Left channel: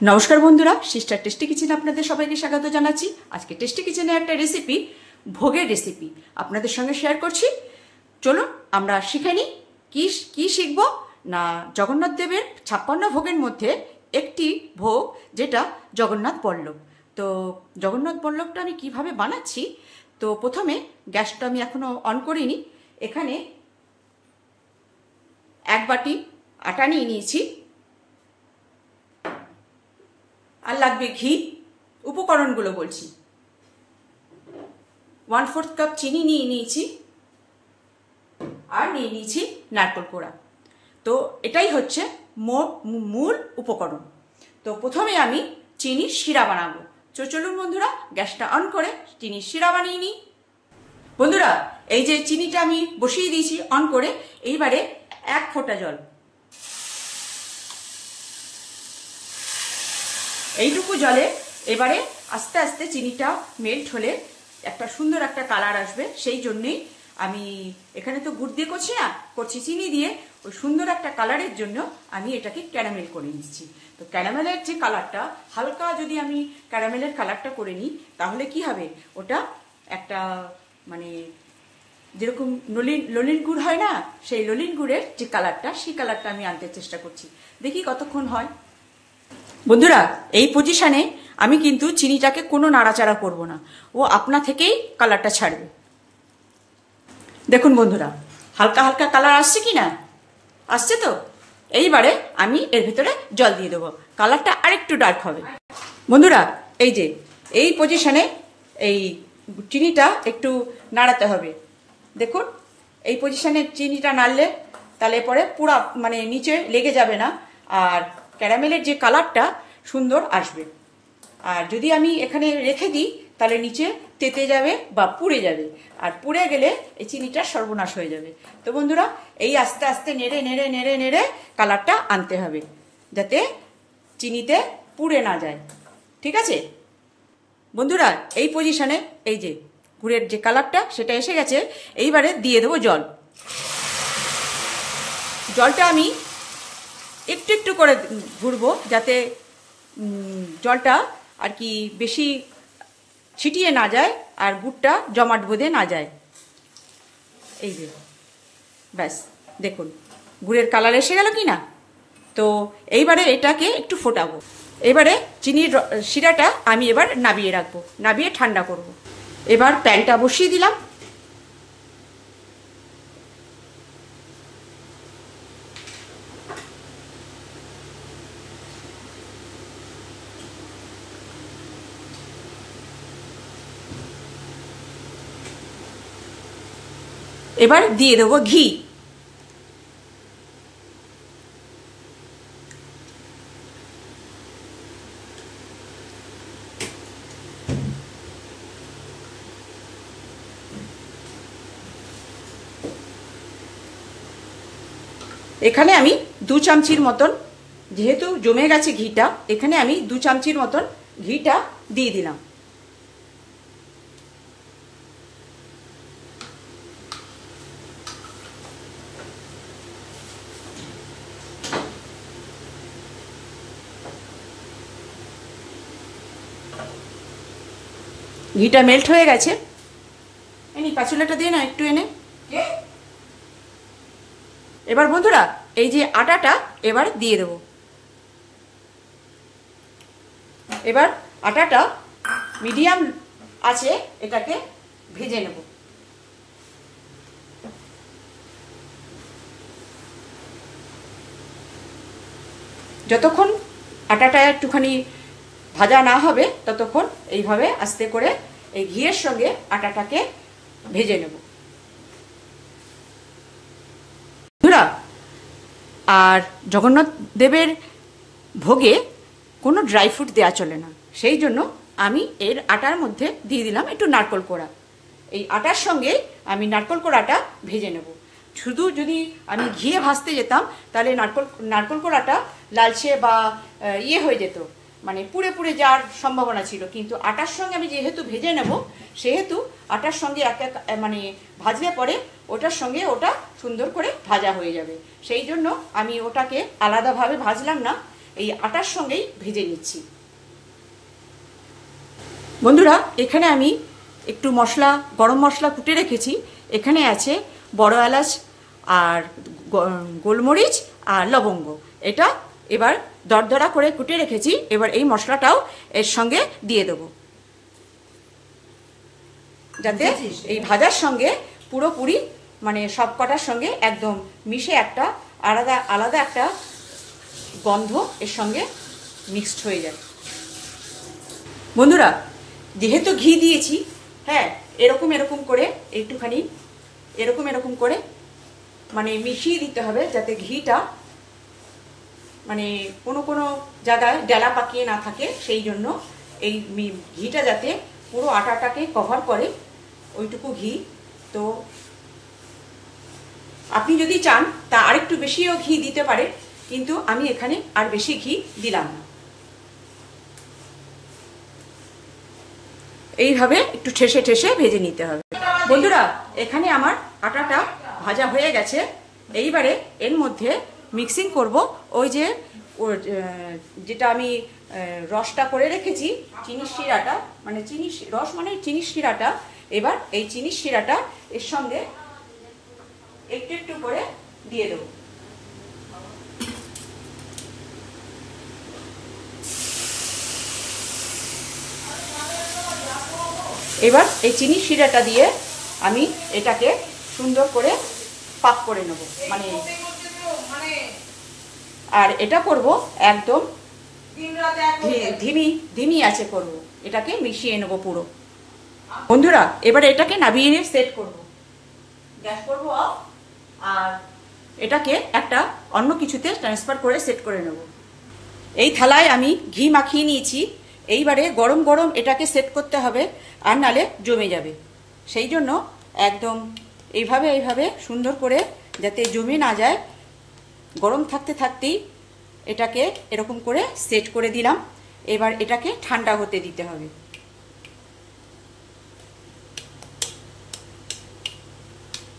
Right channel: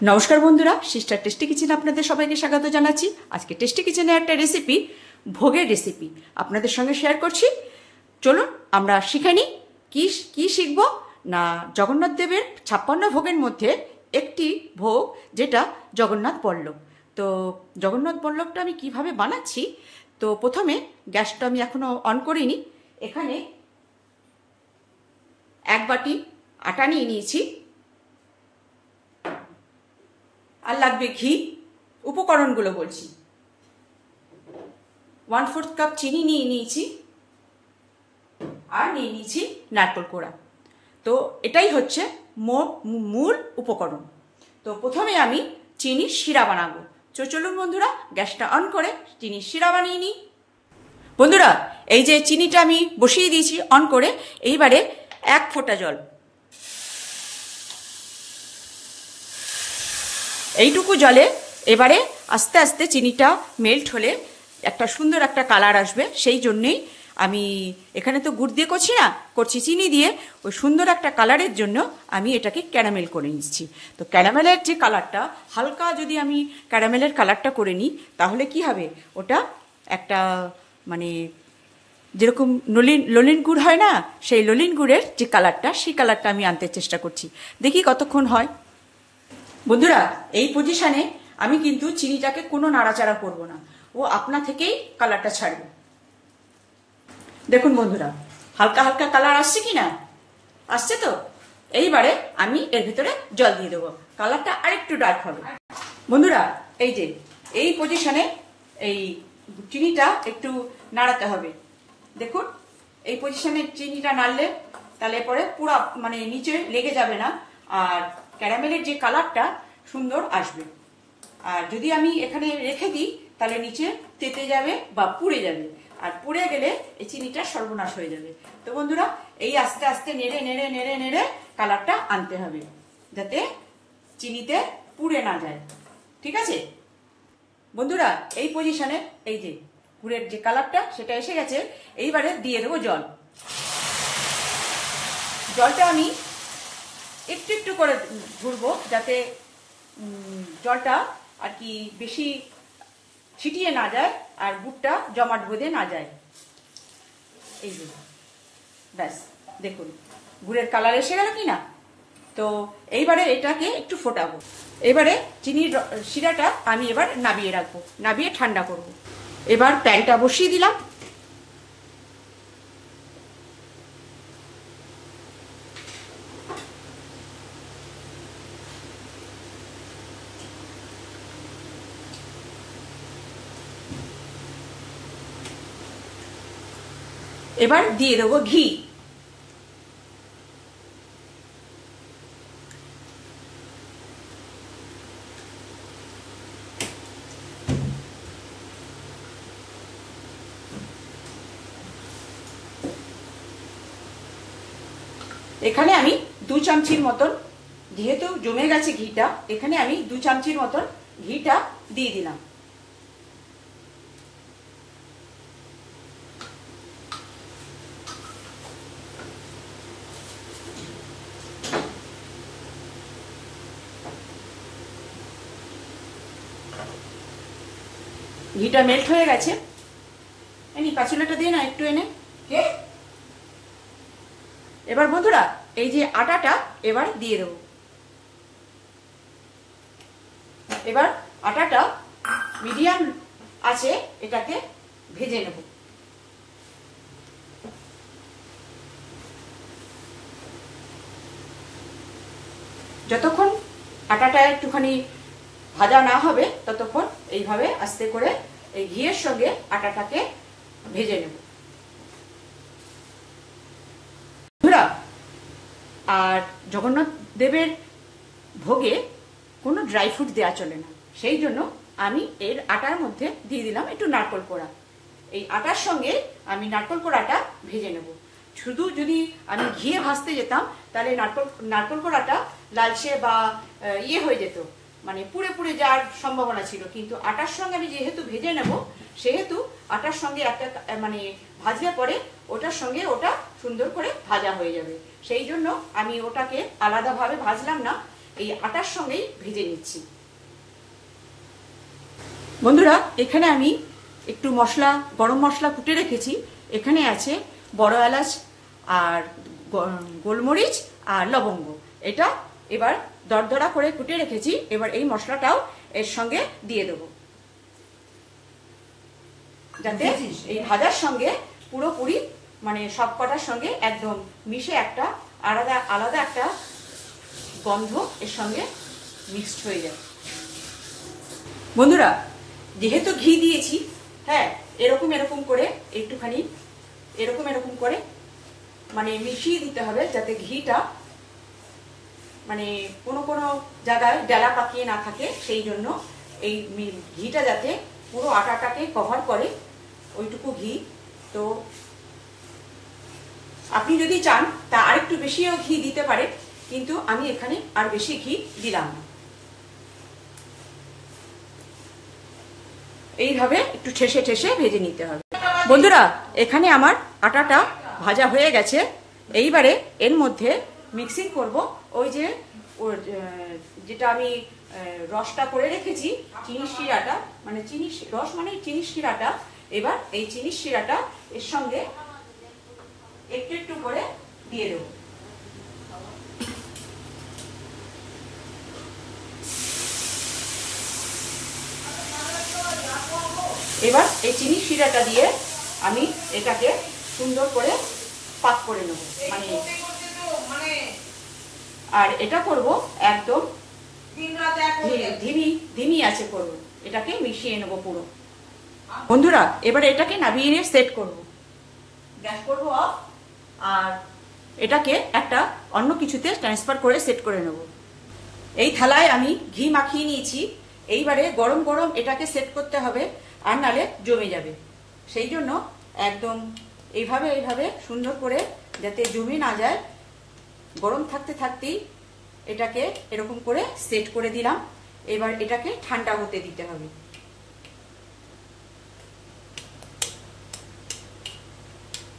নমস্কার বন্ধুরা, sister tasty কিচেনে আপনাদের সবাইকে স্বাগত জানাচ্ছি। আজকে টেস্টি কিচেনে একটা রেসিপি, ভোগের রেসিপি আপনাদের সঙ্গে শেয়ার করছি। চলুন আমরা শিখে নিই। কি শিখবো না, জগন্নাথ দেবের 56 ভোগের মধ্যে একটি ভোগ, যেটা জগন্নাথ বল্লভ। তো জগন্নাথ বল্লভটা আমি কিভাবে বানাচ্ছি, তো প্রথমে গ্যাসটা আমি এখনো অন করিনি। এখানে 1 বাটি আটা নিয়ে নিয়েছি, আর লাগবে ঘি। উপকরণগুলো বলছি, 1/4 কাপ চিনি নিয়ে নিয়েছি, আর নিয়ে নিয়েছি নারকেল কোড়া। তো এটাই হচ্ছে মূল উপকরণ। তো প্রথমে আমি চিনির শিরা বানাবো। চলুন বন্ধুরা, গ্যাসটা অন করে চিনির শিরা বানিয়ে নিই। বন্ধুরা, এই যে চিনিটা আমি বসিয়ে দিয়েছি অন করে, এইবারে 1 ফোঁটা জল, এইটুকু জলে এবারে আস্তে আস্তে চিনিটা মেল্ট হলে একটা সুন্দর একটা কালার আসবে। সেই জন্যেই আমি এখানে তো গুড় দিয়ে করছি না, করছি চিনি দিয়ে। ওই সুন্দর একটা কালারের জন্য আমি এটাকে ক্যারামেল করে নিচ্ছি। তো ক্যারামেলের যে কালারটা, হালকা যদি আমি ক্যারামেলের কালারটা করে নিই, তাহলে কি হবে, ওটা একটা মানে যেরকম ললিন গুড় হয় না, সেই ললিন গুড়ের যে কালারটা, সেই কালারটা আমি আনতে চেষ্টা করছি। দেখি কতক্ষণ হয়। বন্ধুরা, এই পজিশনে আমি কিন্তু চিনিটাকে কোনো নাড়াচাড়া করব না, ও আপনা থেকেই কালারটা ছাড়বে। দেখুন বন্ধুরা, হালকা হালকা কালার আসছে কি না, আসছে তো। এইবারে আমি এর ভিতরে জল দিয়ে দেবো, কালারটা আরেকটু ডার্ক হবে। বন্ধুরা, এই যে এই পজিশনে এই চিনিটা একটু নাড়াতে হবে। দেখুন, এই পজিশনে চিনিটা নাড়লে তাহলে পরে পুরো মানে নিচে লেগে যাবে না, আর ক্যারামেলের যে কালারটা সুন্দর আসবে। আর যদি আমি এখানে রেখে দিই, তাহলে নিচে তেতে যাবে বা পুড়ে যাবে, আর পুড়ে গেলে এই চিনিটা সর্বনাশ হয়ে যাবে। তো বন্ধুরা, এই আস্তে আস্তে নেড়ে নেড়ে নেড়ে নেড়ে কালারটা আনতে হবে, যাতে চিনিতে পুড়ে না যায়। ঠিক আছে বন্ধুরা, এই পজিশনে এই যে গুড়ের যে কালারটা, সেটা এসে গেছে। এইবারে দিয়ে দেবো জল। জলটা আমি একটু একটু করে ঘুরবো, যাতে জলটা আর কি বেশি ছিটিয়ে না যায়, আর গুড়টা জমাট বেঁধে না যায়। এই যে ব্যাস, দেখুন গুড়ের কালার এসে গেল কি না। তো এইবারে এটাকে একটু ফোটাবো। এবারে চিনির শিরাটা আমি এবার নাবিয়ে রাখবো, নাবিয়ে ঠান্ডা করব। এবার প্যানটা বসিয়ে দিলাম। এবার দিয়ে দেবো ঘি। এখানে আমি 2 চামচির মতন, যেহেতু জমে গেছে ঘিটা, এখানে আমি 2 চামচির মতন ঘিটা দিয়ে দিলাম। ঘিটা মেল্ট হয়ে গেছে। এনি পাঁচুলাটা দিয়ে না একটু এনে। এবার বন্ধুরা, এই যে আটাটা এবার দিয়ে দেবো। এবার আটাটা মিডিয়াম আছে, এটাকে ভেজে নেব। যতক্ষণ আটাটা একটুখানি ভাজা না হবে, ততক্ষণ এইভাবে আস্তে করে এই ঘিয়ের সঙ্গে আটাটাকে ভেজে নেব। বন্ধুরা, আর জগন্নাথ দেবের ভোগে কোনো ড্রাই ফ্রুট দেওয়া চলে না, সেই জন্য আমি এর আটার মধ্যে দিয়ে দিলাম একটু নারকেল কোড়া। এই আটার সঙ্গে আমি নারকেল কোড়াটা ভেজে নেব। শুধু যদি আমি ঘিয়ে ভাজতে যেতাম, তাহলে নারকেল কোড়াটা লালচে বা ইয়ে হয়ে যেত, মানে পুড়ে পুড়ে যাওয়ার সম্ভাবনা ছিল। কিন্তু আটার সঙ্গে আমি যেহেতু ভেজে নেব, সেহেতু আটার সঙ্গে একটা মানে ভাজলে পরে ওটার সঙ্গে ওটা সুন্দর করে ভাজা হয়ে যাবে। সেই জন্য আমি ওটাকে আলাদাভাবে ভাজলাম না, এই আটার সঙ্গেই ভেজে নিচ্ছি। বন্ধুরা, এখানে আমি একটু মশলা, গরম মশলা কুটে রেখেছি। এখানে আছে বড় এলাচ আর গোলমরিচ আর লবঙ্গ। এটা এবার দরদরা করে কুটে রেখেছি। এবার এই মশলাটাও এর সঙ্গে দিয়ে দেবো, যাতে এই ভাজার সঙ্গে পুরোপুরি মানে সব কটার সঙ্গে একদম মিশে একটা আলাদা আলাদা একটা গন্ধ এর সঙ্গে মিক্সড হয়ে যায়। বন্ধুরা, যেহেতু ঘি দিয়েছি, হ্যাঁ, এরকম এরকম করে একটুখানি এরকম করে মানে মিশিয়ে দিতে হবে, যাতে ঘিটা মানে কোনো জায়গায় ডেলা পাকিয়ে না থাকে। সেই জন্য এই ঘিটা যাতে পুরো আটাটাকে কভার করে, ওইটুকু ঘি। তো আপনি যদি চান তা আরেকটু বেশিও ঘি দিতে পারে, কিন্তু আমি এখানে আর বেশি ঘি দিলাম না। এইভাবে একটু ঠেসে ঠেসে ভেজে নিতে হবে। বন্ধুরা, এখানে আমার আটাটা ভাজা হয়ে গেছে। এইবারে এর মধ্যে মিক্সিং করব ওই যে যেটা আমি রসটা করে রেখেছি, চিনির শিরাটা, মানে রস মানে চিনির শিরাটা। এবার এই চিনির শিরাটা এর সঙ্গে একটু একটু করে দিয়ে দেব। এবার এই চিনির শিরাটা দিয়ে আমি এটাকে সুন্দর করে পাক করে নেব, মানে আর এটা করব একদম ধিমি আছে করব, এটাকে মিশিয়ে নেব পুরো। বন্ধুরা, এবারে এটাকে নামিয়ে সেট করব, গ্যাস করব অফ, আর এটাকে একটা অন্য কিছুতে ট্রান্সফার করে সেট করে নেব। এই থালায় আমি ঘি মাখিয়ে নিয়েছি। এইবারে গরম গরম এটাকে সেট করতে হবে, আর নালে জমে যাবে। সেই জন্য একদম এইভাবে সুন্দর করে যাতে জমে না যায়, গরম থাকতে থাকতেই এটাকে এরকম করে সেট করে দিলাম। এবার এটাকে ঠান্ডা হতে দিতে হবে।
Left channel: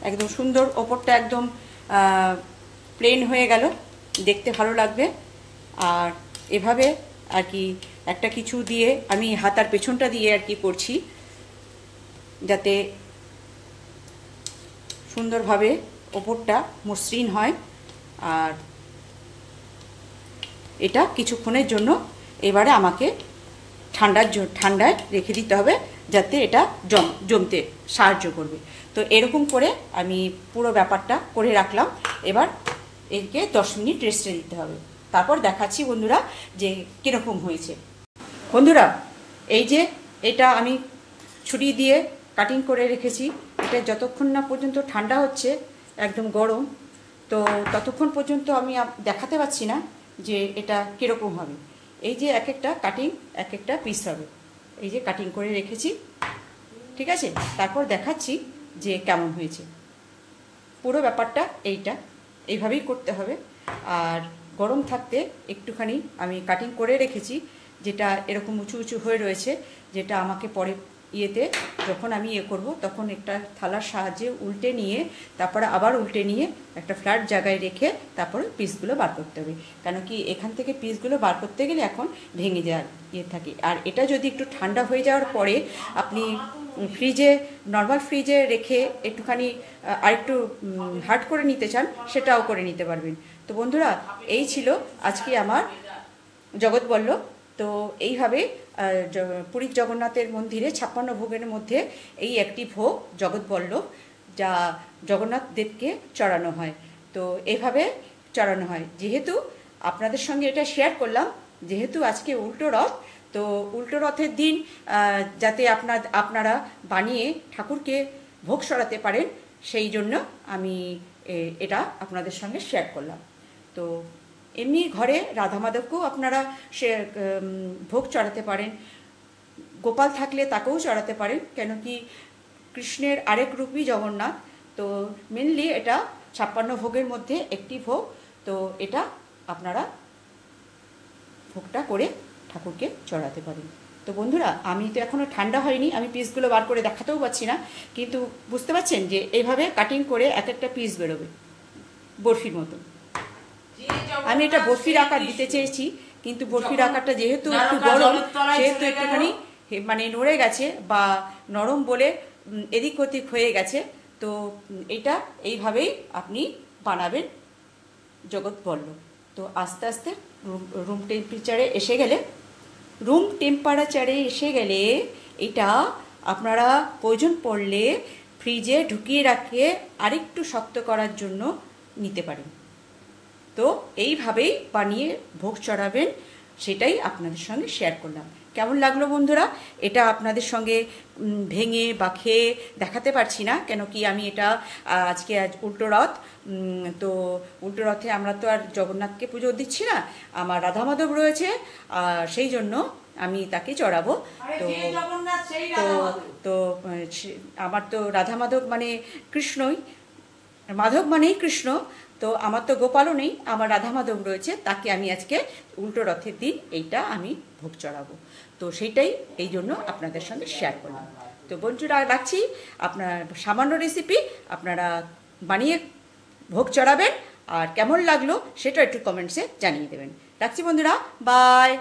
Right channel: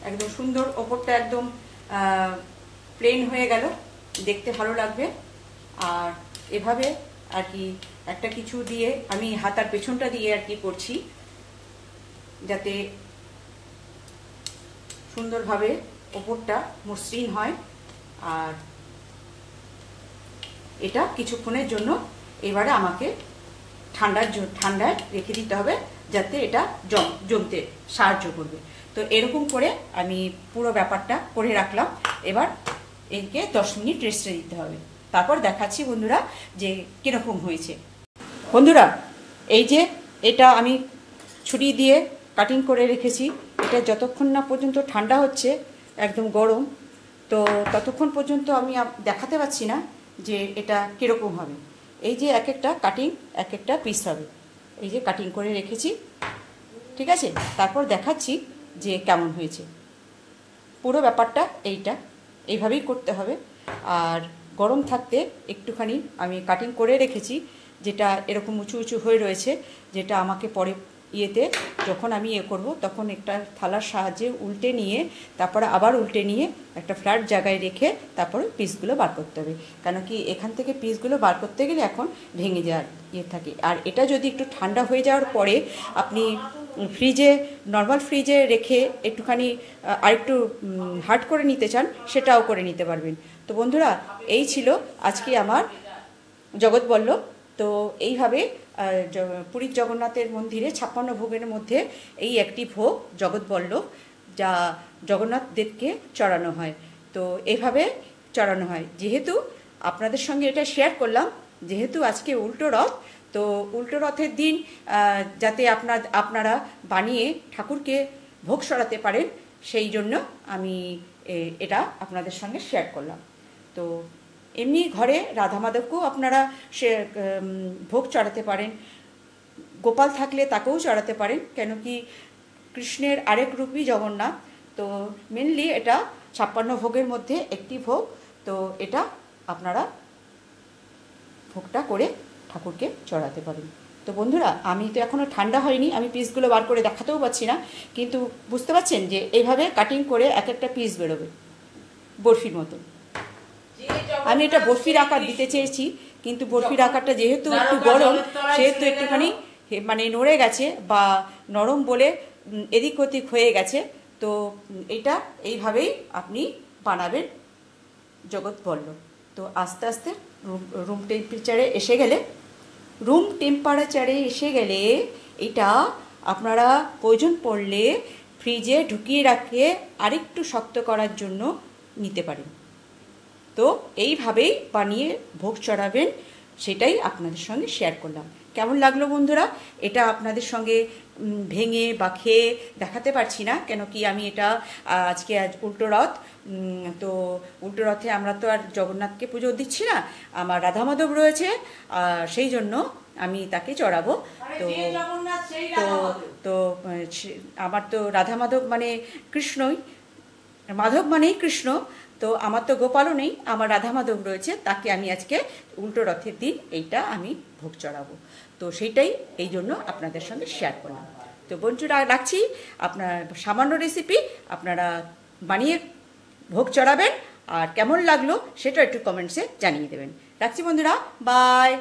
একদম সুন্দর, ওপরটা একদম প্লেন হয়ে গেল, দেখতে ভালো লাগবে। আর এভাবে আর কি একটা কিছু দিয়ে আমি হাতার পেছনটা দিয়ে আর কি করছি, যাতে সুন্দরভাবে ওপরটা মসৃণ হয়। আর এটা কিছুক্ষণের জন্য এবারে আমাকে ঠান্ডায় রেখে দিতে হবে, যাতে এটা জমতে সাহায্য করবে। তো এরকম করে আমি পুরো ব্যাপারটা করে রাখলাম। এবার একে 10 মিনিট রেস্টে দিতে হবে, তারপর দেখাচ্ছি বন্ধুরা যে কিরকম হয়েছে। বন্ধুরা, এই যে এটা আমি ছুরি দিয়ে কাটিং করে রেখেছি, এটা যতক্ষণ না পর্যন্ত ঠান্ডা হচ্ছে, একদম গরম, তো ততক্ষণ পর্যন্ত আমি দেখাতে পাচ্ছি না যে এটা কিরকম হবে। এই যে এক একটা কাটিং এক একটা পিস হবে, এই যে কাটিং করে রেখেছি, ঠিক আছে। তারপর দেখাচ্ছি যে কেমন হয়েছে। পুরো ব্যাপারটা এইভাবেই করতে হবে। আর গরম থাকতে একটুখানি আমি কাটিং করে রেখেছি, যেটা এরকম উঁচু উঁচু হয়ে রয়েছে, যেটা আমাকে পরে ইয়েতে যখন আমি করব তখন একটা থালার সাহায্যে উল্টে নিয়ে, তারপরে আবার উল্টে নিয়ে একটা ফ্ল্যাট জায়গায় রেখে তারপরে পিসগুলো বার করতে হবে। কেন কি এখান থেকে পিসগুলো বার করতে গেলে এখন ভেঙে যাওয়ার থাকে। আর এটা যদি একটু ঠান্ডা হয়ে যাওয়ার পরে আপনি ফ্রিজে, নর্মাল ফ্রিজে রেখে একটুখানি আরেকটু হার্ড করে নিতে চান, সেটাও করে নিতে পারবেন। তো বন্ধুরা, এই ছিল আজকে আমার জগৎবল্লভ। তো এইভাবে পুরীর জগন্নাথের মন্দিরে 56 ভোগের মধ্যে এই একটি ভোগ জগৎবল্লভ, যা জগন্নাথ দেবকে চড়ানো হয়। তো এভাবে চড়ানো হয়। যেহেতু আপনাদের সঙ্গে এটা শেয়ার করলাম, যেহেতু আজকে উল্টো রথ, তো উল্টো রথের দিন যাতে আপনারা বানিয়ে ঠাকুরকে ভোগ সরাতে পারেন, সেই জন্য আমি এটা আপনাদের সঙ্গে শেয়ার করলাম। তো এমনি ঘরে রাধা মাধবকেও আপনারা ভোগ চড়াতে পারেন, গোপাল থাকলে তাকেও চড়াতে পারেন, কেন কি কৃষ্ণের আরেক রূপই জগন্নাথ। তো মেনলি এটা 56 ভোগের মধ্যে একটি ভোগ। তো এটা আপনারা ভোগটা করে ঠাকুরকে চড়াতে পারেন। তো বন্ধুরা, আমি তো এখনো ঠান্ডা হয়নি, আমি পিসগুলো বার করে দেখাতেও পাচ্ছি না, কিন্তু বুঝতে পারছেন যে এইভাবে কাটিং করে এক একটা পিস বেরোবে বরফির মতন। আমি এটা বরফির আকার দিতে চেয়েছি, কিন্তু বরফির আকারটা যেহেতু একটু গরম, সেহেতু একটুখানি মানে নড়ে গেছে বা নরম বলে এদিক ওদিক হয়ে গেছে। তো এটা এইভাবেই আপনি বানাবেন জগৎ বলল। তো আস্তে আস্তে রুম টেম্পারেচারে এসে গেলে এটা আপনারা প্রয়োজন পড়লে ফ্রিজে ঢুকিয়ে রাখে আরেকটু শক্ত করার জন্য নিতে পারেন। তো এইভাবেই বানিয়ে ভোগ চড়াবেন, সেটাই আপনাদের সঙ্গে শেয়ার করলাম। কেমন লাগলো বন্ধুরা? এটা আপনাদের সঙ্গে ভেঙে বা খেয়ে দেখাতে পারছি না, কেন কি আমি এটা আজকে উল্টো রথ। তো উল্টো রথে আমরা তো আর জগন্নাথকে পুজো দিচ্ছি না, আমার রাধা মাধব রয়েছে, সেই জন্য আমি তাকে চড়াবো। তো তো তো আমার তো রাধা মাধব মানে কৃষ্ণই, মাধব মানেই কৃষ্ণ। তো আমার তো গোপালও নেই, আমার রাধা মাধব রয়েছে, তাকে আমি আজকে উল্টো রথের দিন এইটা আমি ভোগ চড়াবো। তো সেইটাই এই জন্য আপনাদের সঙ্গে শেয়ার করলাম। তো বন্ধুরা রাখছি, আপনার সামান্য রেসিপি আপনারা বানিয়ে ভোগ চড়াবেন, আর কেমন লাগলো সেটা একটু কমেন্টসে জানিয়ে দেবেন। রাখছি বন্ধুরা, বাই।